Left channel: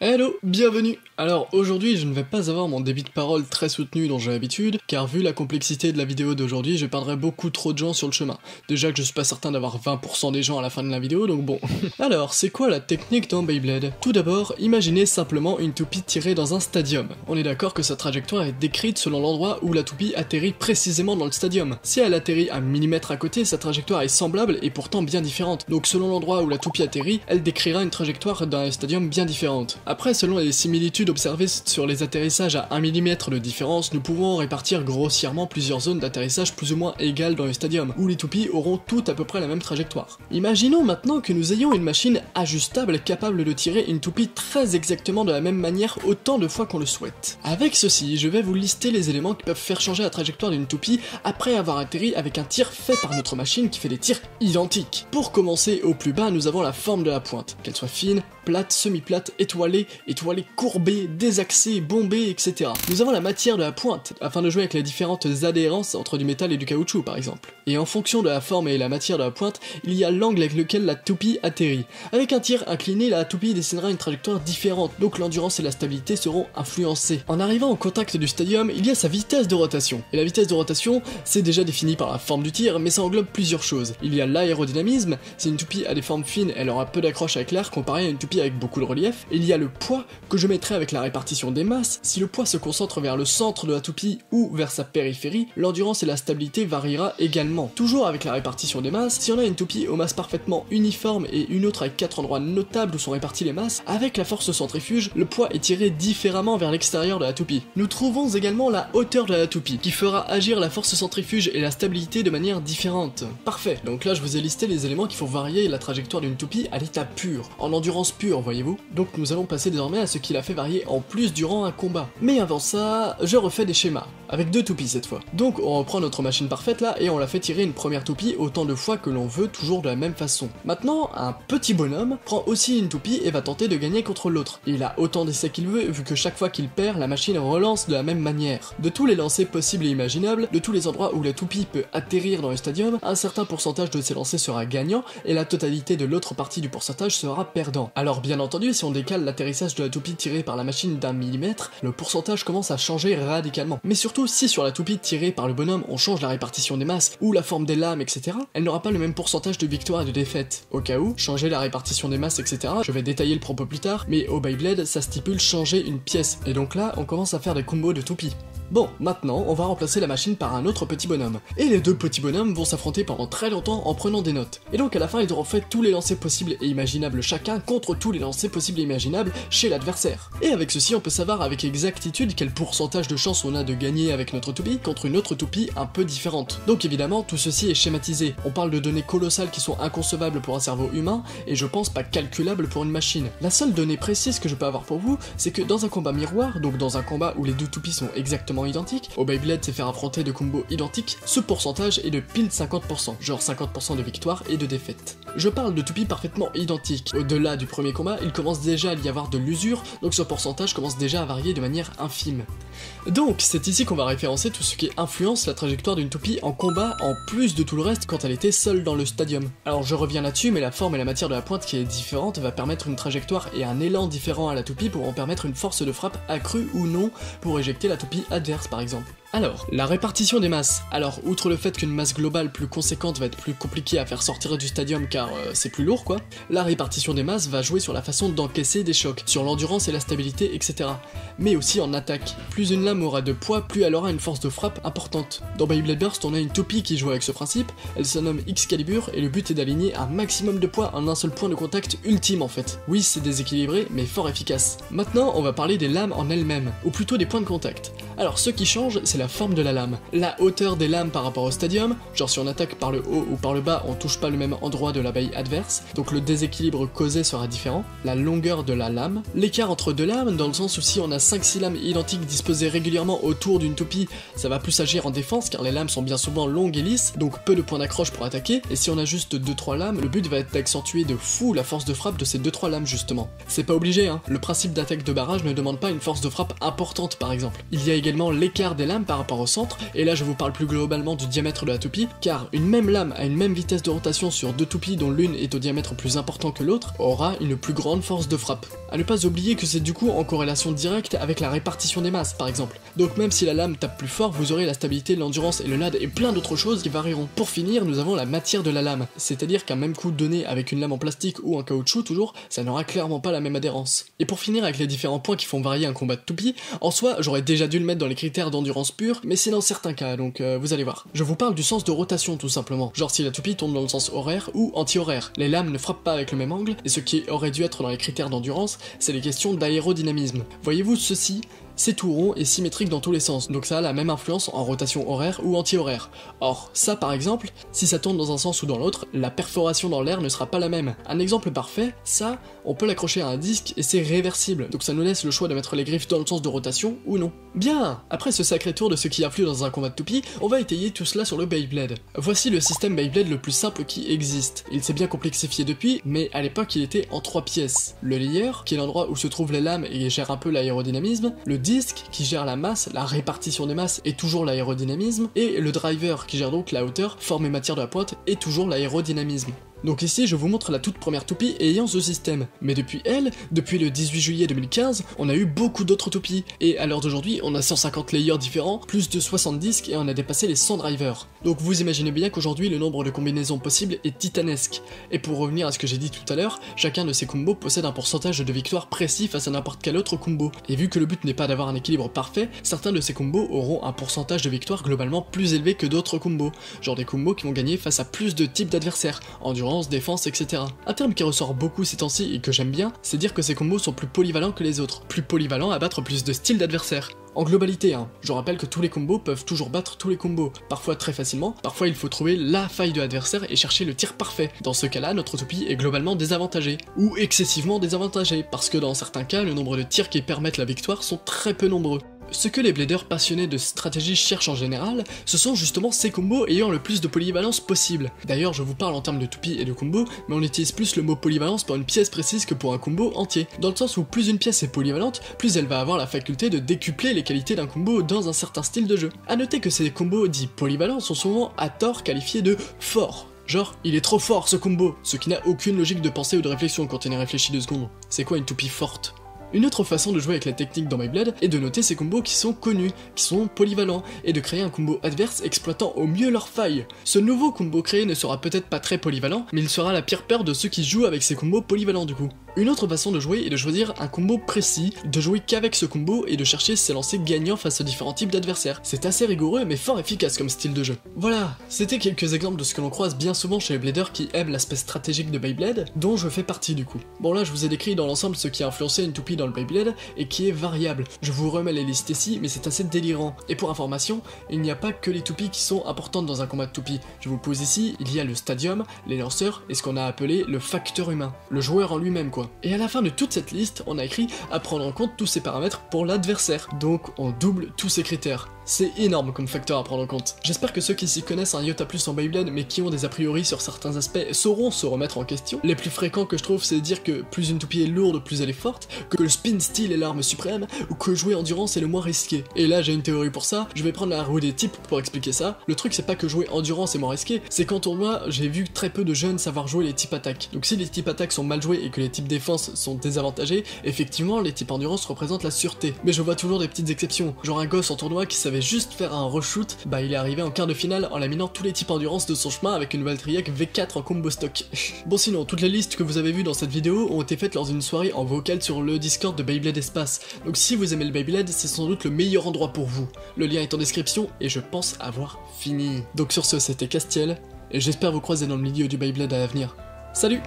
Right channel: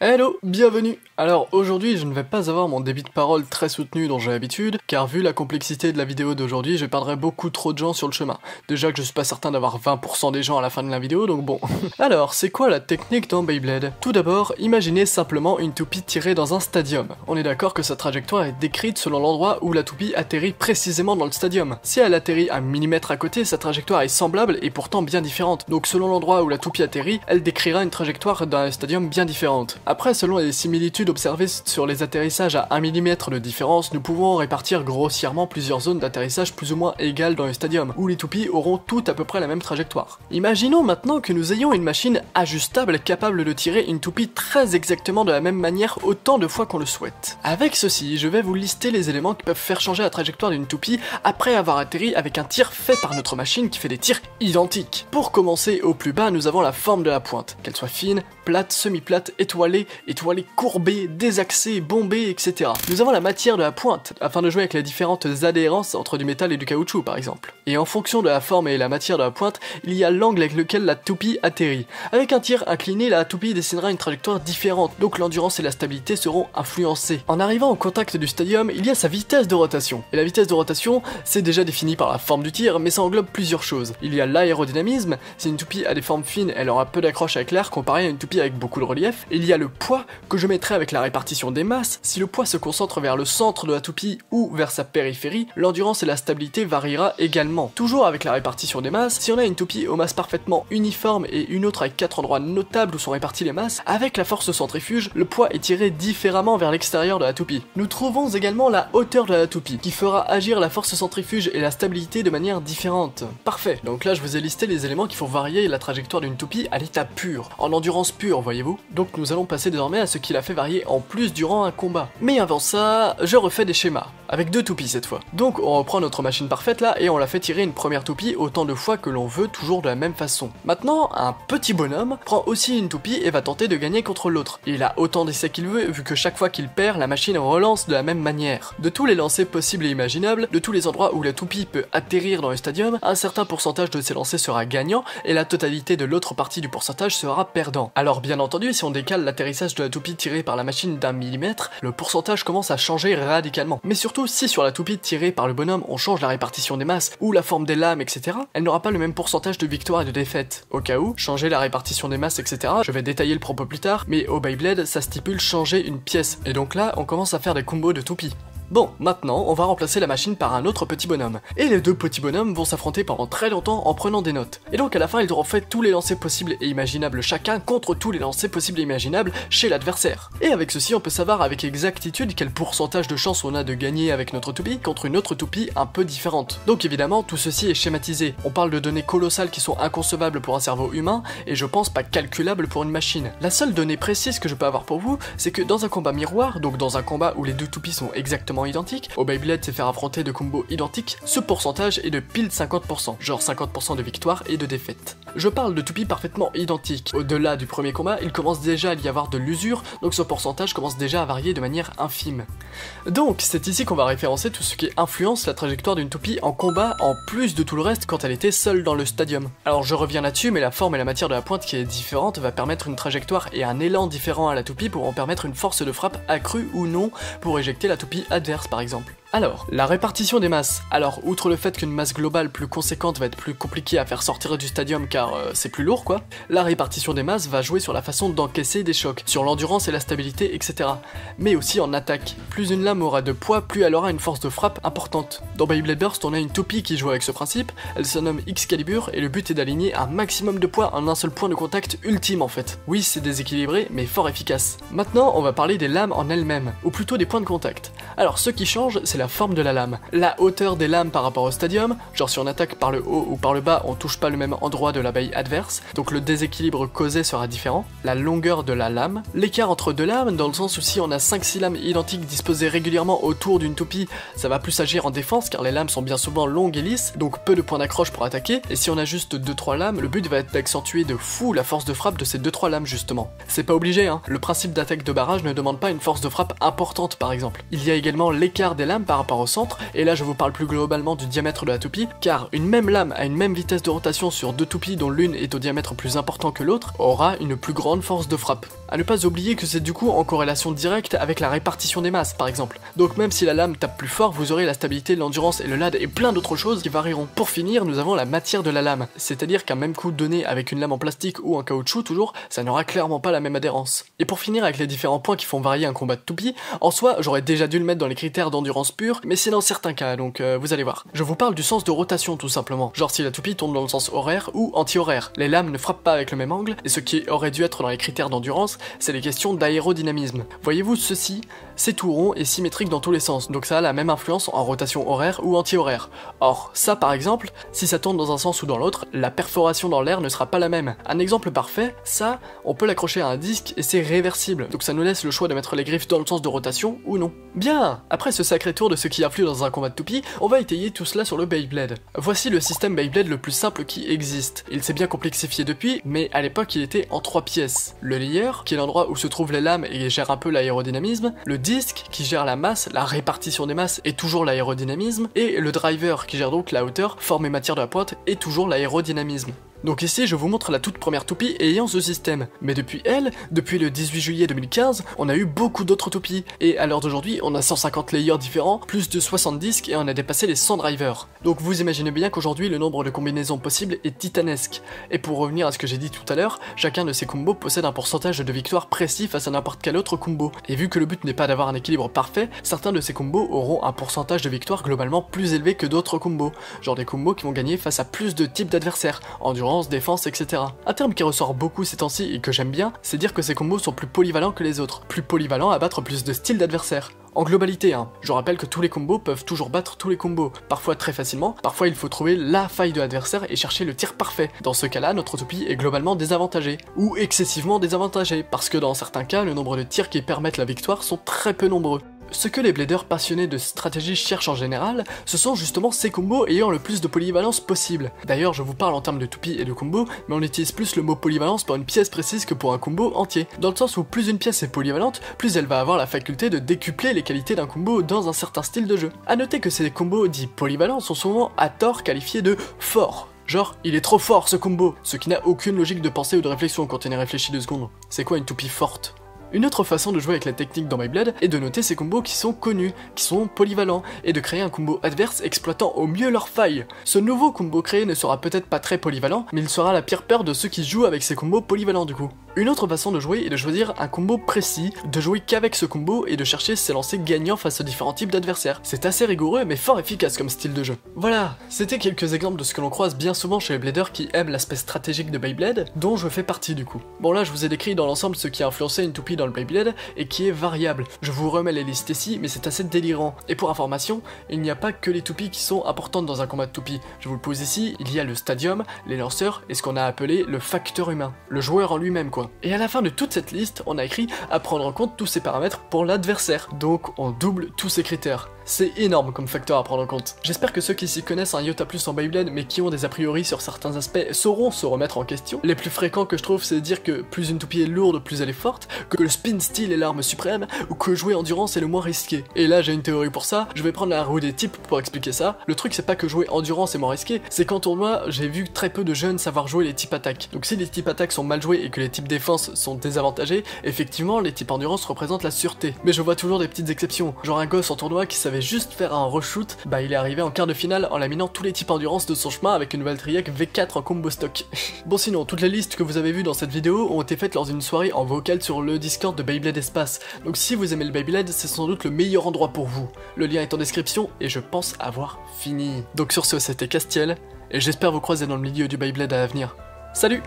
Hello, bienvenue. Alors aujourd'hui je ne vais pas avoir mon débit de parole très soutenu dont j'ai l'habitude, car vu la complexité de la vidéo d'aujourd'hui, je perdrai beaucoup trop de gens sur le chemin. Déjà que je suis pas certain d'avoir 20% des gens à la fin de la vidéo, donc bon. Alors, c'est quoi la technique dans Beyblade? Tout d'abord, imaginez simplement une toupie tirée dans un stadium. On est d'accord que sa trajectoire est décrite selon l'endroit où la toupie atterrit précisément dans le stadium. Si elle atterrit à 1 mm à côté, sa trajectoire est semblable et pourtant bien différente. Donc selon l'endroit où la toupie atterrit, elle décrira une trajectoire dans un stadium bien différente. Après, selon les similitudes observées sur les atterrissages à 1 mm de différence, nous pouvons répartir grossièrement plusieurs zones d'atterrissage plus ou moins égales dans le stadium, où les toupies auront toutes à peu près la même trajectoire. Imaginons maintenant que nous ayons une machine ajustable capable de tirer une toupie très exactement de la même manière autant de fois qu'on le souhaite. Avec ceci, je vais vous lister les éléments qui peuvent faire changer la trajectoire d'une toupie après avoir atterri avec un tir fait par notre machine qui fait des tirs identiques. Pour commencer, au plus bas, nous avons la forme de la pointe, qu'elle soit fine, plate, semi-plate, étoilée, courbée, désaxée, bombée, etc. Nous avons la matière de la pointe, afin de jouer avec les différentes adhérences entre du métal et du caoutchouc par exemple. Et en fonction de la forme et la matière de la pointe, il y a l'angle avec lequel la toupie atterrit. Avec un tir incliné, la toupie dessinera une trajectoire différente, donc l'endurance et la stabilité seront influencées. En arrivant au contact du stadium, il y a sa vitesse de rotation. Et la vitesse de rotation, c'est déjà défini par la forme du tir, mais ça englobe plusieurs choses. Il y a l'aérodynamisme, si une toupie a des formes fines, elle aura peu d'accroche avec l'air comparé à une toupie avec beaucoup de relief. Il y a le poids, que je mettrai avec la répartition des masses. Si le poids se concentre vers le centre de la toupie ou vers sa périphérie, l'endurance et la stabilité variera également. Toujours avec la répartition des masses, si on a une toupie aux masses parfaitement uniformes et une autre avec 4 endroits notables où sont réparties les masses, avec la force centrifuge, le poids est tiré différemment vers l'extérieur de la toupie. Nous trouvons également la hauteur de la toupie, qui fera agir la force centrifuge et la stabilité de manière différente. Parfait, donc là je vous ai listé les éléments qui font varier la trajectoire d'une toupie à l'état pur, en endurance pure, voyez-vous. Donc nous allons passer désormais à ce qui la fait varier en plus durant un combat. Mais avant ça, je refais des schémas, avec 2 toupies cette fois. Donc on reprend notre machine parfaite là et on la fait tirer une première toupie autant de fois que l'on veut, toujours de la même façon. Maintenant, un petit bonhomme prend aussi une toupie et va tenter de gagner contre l'autre. Il a autant d'essais qu'il veut, vu que chaque fois qu'il perd, la machine relance de la même manière. De tous les lancers possibles et imaginables, de tous les endroits où la toupie peut atterrir dans le stadium, un certain pourcentage de ces lancers sera gagnant et la totalité de l'autre partie du pourcentage sera perdant. Alors bien entendu, si on décale l'atterrissage de la toupie tirée par la machine d'1 mm, le pourcentage commence à changer radicalement. Mais surtout, si sur la toupie tirée par le bonhomme on change la répartition des masses ou la forme des lames, etc., elle n'aura pas le même pourcentage de victoire et de défaite. Au cas où, changer la répartition des masses, etc., je vais détailler le propos plus tard, mais au Beyblade, ça stipule changer une pièce, et donc là, on commence à faire des combos de toupies. Bon, maintenant, on va remplacer la machine par un autre petit bonhomme. Et les 2 petits bonhommes vont s'affronter pendant très longtemps en prenant des notes. Et donc à la fin, ils auront fait tous les lancers possibles et imaginables chacun contre tous les lancers possibles et imaginables chez l'adversaire. Et avec ceci, on peut savoir avec exactitude quel pourcentage de chance on a de gagner avec notre toupie contre une autre toupie un peu différente. Donc évidemment, tout ceci est schématisé. On parle de données colossales qui sont inconcevables pour un cerveau humain et je pense pas calculables pour une machine. La seule donnée précise que je peux avoir pour vous, c'est que dans un combat miroir, donc dans un combat où les 2 toupies sont exactement identiques, au Beyblade c'est faire affronter 2 combos identiques, ce pourcentage est de pile 50%, genre 50% de victoire et de défaite. Je parle de toupies parfaitement identiques. Au-delà du premier combat, il commence déjà à y avoir de l'usure, donc ce pourcentage commence déjà à varier de manière infime. Donc c'est ici qu'on va référencer tout ce qui influence la trajectoire d'une toupie en combat, en plus de tout le reste quand elle était seule dans le stadium. Alors je reviens là-dessus, mais la forme et la matière de la pointe qui est différente va permettre une trajectoire et un élan différent à la toupie pour en permettre une force de frappe accrue ou non pour éjecter la toupie adverse par exemple. Alors, la répartition des masses. Alors, outre le fait qu'une masse globale plus conséquente va être plus compliquée à faire sortir du stadium car c'est plus lourd quoi, la répartition des masses va jouer sur la façon d'encaisser des chocs, sur l'endurance et la stabilité, etc. Mais aussi en attaque. Plus une lame aura de poids, plus elle aura une force de frappe importante. Dans Beyblade Burst, on a une toupie qui joue avec ce principe, elle se nomme Excalibur et le but est d'aligner un maximum de poids en un seul point de contact ultime en fait. Oui, c'est déséquilibré, mais fort efficace. Maintenant, on va parler des lames en elles-mêmes, ou plutôt des points de contact. Alors, ce qui change, c'est la forme de la lame. La hauteur des lames par rapport au stadium, genre si on attaque par le haut ou par le bas, on touche pas le même endroit de la baille adverse, donc le déséquilibre causé sera différent. La longueur de la lame, l'écart entre 2 lames, dans le sens où si on a 5-6 lames identiques disposées régulièrement autour d'une toupie, ça va plus agir en défense car les lames sont bien souvent longues et lisses, donc peu de points d'accroche pour attaquer, et si on a juste 2-3 lames, le but va être d'accentuer de fou la force de frappe de ces 2-3 lames justement. C'est pas obligé hein, le principe d'attaque de barrage ne demande pas une force de frappe importante par exemple. Il y a également l'écart des lames par rapport au centre, et là je vous parle plus globalement du diamètre de la toupie, car une même lame à une même vitesse de rotation sur deux toupies dont l'une est au diamètre plus important que l'autre, aura une plus grande force de frappe. A ne pas oublier que c'est du coup en corrélation directe avec la répartition des masses par exemple. Donc même si la lame tape plus fort, vous aurez la stabilité, l'endurance et le LAD et plein d'autres choses qui varieront. Pour finir, nous avons la matière de la lame, c'est-à-dire qu'un même coup donné avec une lame en plastique ou en caoutchouc toujours, ça n'aura clairement pas la même adhérence. Et pour finir avec les différents points qui font varier un combat de toupie, en soi j'aurais déjà dû le mettre dans les critères d'endurance pure, mais c'est dans certains cas, donc vous allez voir. Je vous parle du sens de rotation tout simplement, genre si la toupie tourne dans le sens horaire ou anti-horaire. Les lames ne frappent pas avec le même angle, et ce qui aurait dû être dans les critères d'endurance, c'est les questions d'aérodynamisme. Voyez-vous ceci ? C'est tout rond et symétrique dans tous les sens, donc ça a la même influence en rotation horaire ou anti-horaire. Or, ça par exemple, si ça tourne dans un sens ou dans l'autre, la perforation dans l'air ne sera pas la même. Un exemple parfait, ça, on peut l'accrocher à un disque et c'est réversible, donc ça nous laisse le choix de mettre les griffes dans le sens de rotation ou non. Bien, après ce sacré tour de ce qui influe dans un combat de toupie, on va étayer tout cela sur le Beyblade. Voici le système Beyblade le plus simple qui existe. Il s'est bien complexifié depuis, mais à l'époque il était en 3 pièces. Le layer, qui est l'endroit où se trouvent les lames et gère un peu l'aérodynamisme, le disque, qui gère la masse, la répartition des masses et toujours l'aérodynamisme, et le driver, qui gère donc la hauteur, forme et matière de la pointe et toujours l'aérodynamisme. Donc ici je vous montre la toute première toupie ayant ce système, mais depuis le 18 juillet 2015, on a eu beaucoup d'autres toupies, et à l'heure d'aujourd'hui on a 150 layers différents, plus de 60 disques et on a dépassé les 100 drivers. Donc vous imaginez bien qu'aujourd'hui le nombre de combinaisons possibles est titanesque, et pour revenir à ce que j'ai dit tout à l'heure, chacun de ces combos possède un pourcentage de victoire précis face à n'importe quel autre combo, et vu que le but n'est pas d'avoir un équilibre parfait, certains de ces combos auront un pourcentage de victoire globalement plus élevé que d'autres combos, genre des combos qui vont gagner face à plus de types d'adversaires, endurance, défense, etc. Un terme qui ressort beaucoup ces temps-ci et que j'aime bien, c'est dire que ces combos sont plus polyvalents que les autres, plus polyvalents à battre plus de styles d'adversaires. En globalité, je rappelle que tous les combos peuvent toujours battre tous les combos, parfois très facilement, parfois il faut trouver la faille de l'adversaire et chercher le tir parfait. Dans ce cas-là, notre toupie est globalement désavantagée, ou excessivement désavantagée, parce que dans certains cas, le nombre de tirs qui permettent la victoire sont très peu nombreux. Ce que les bladers passionnés de stratégie cherchent en général, ce sont justement ces combos ayant le plus de polyvalence possible. D'ailleurs, je vous parle en termes de toupie et de combo, mais on utilise plus le mot polyvalence pour une pièce précise que pour un combo entier, dans le sens où plus une pièce est polyvalente, plus elle va avoir la faculté de décupler les qualités d'un combo dans un certain style de jeu. A noter que ces combos dits polyvalents sont souvent à tort qualifiés de forts. Genre, il est trop fort ce combo, ce qui n'a aucune logique de pensée ou de réflexion quand on y réfléchit 2 secondes. C'est quoi une toupie forte ? Une autre façon de jouer avec la technique dans Beyblade est de noter ces combos qui sont connus, qui sont polyvalents, et de créer un combo adverse exploitant au mieux leurs failles. Ce nouveau combo créé ne sera peut-être pas très polyvalent, mais il sera la pire peur de ceux qui jouent avec ces combos polyvalents du coup. Une autre façon de jouer est de choisir un combo précis, de jouer qu'avec ce combo et de chercher ses lancers gagnants face aux différents types d'adversaires. C'est assez rigoureux mais fort efficace comme style de jeu. Voilà, c'était quelques exemples de ce que l'on croise bien souvent chez les bladers qui aiment l'aspect stratégique de Beyblade, dont je fais partie du coup. Bon là je vous ai décrit dans l'ensemble ce qui a influencé une toupie dans le Beyblade et qui est variable. Je vous remets les listes ici mais c'est assez délirant. Et pour information, il n'y a pas que les toupies qui sont importantes dans un combat de toupie. Je vous le pose ici, il y a le stadium, les lanceurs et ce qu'on a appelé le facteur humain, le joueur en lui-même quoi. Et à la fin de toute cette liste, on a écrit à prendre en compte tous ces paramètres pour l'adversaire. Donc on double tous ces critères. C'est énorme comme facteur à prendre en compte. J'espère que ceux qui s'y connaissent un iota plus en Beyblade mais qui ont des a priori sur certains aspects sauront se remettre en question. Les plus fréquents que je trouve c'est de dire que plus une toupie est lourde, plus elle est forte, que le spin steel est l'arme suprême, ou que jouer endurance est le moins risqué. Et là j'ai une théorie pour ça, je vais prendre la roue des types pour expliquer ça. Le truc c'est pas que jouer endurance est moins risqué, c'est qu'en tournoi j'ai vu très peu de jeunes savoir jouer les types attaques. Donc si les types attaques sont mal joués et que les types défense sont désavantagés, effectivement les types endurance représentent la sûreté. Mais je vois toujours des petites exceptions, genre un gosse en tournoi qui savait juste faire un reshoot, bah il est arrivé en quart de finale en laminant tous les types endurance de son chemin avec une Valtryek V4 en combo stock. Bon sinon, toutes les listes que vous avez vues dans cette vidéo ont été faites lors d'une soirée en vocal sur le Discord de Beyblade Espace, donc si vous aimez le Beyblade, c'est sans doute le meilleur endroit pour vous. Le lien est en description et je pense avoir fini. Donc sur ce, c'était Castiel, et j'espère vous croiser dans le milieu du Beyblade à l'avenir. Salut!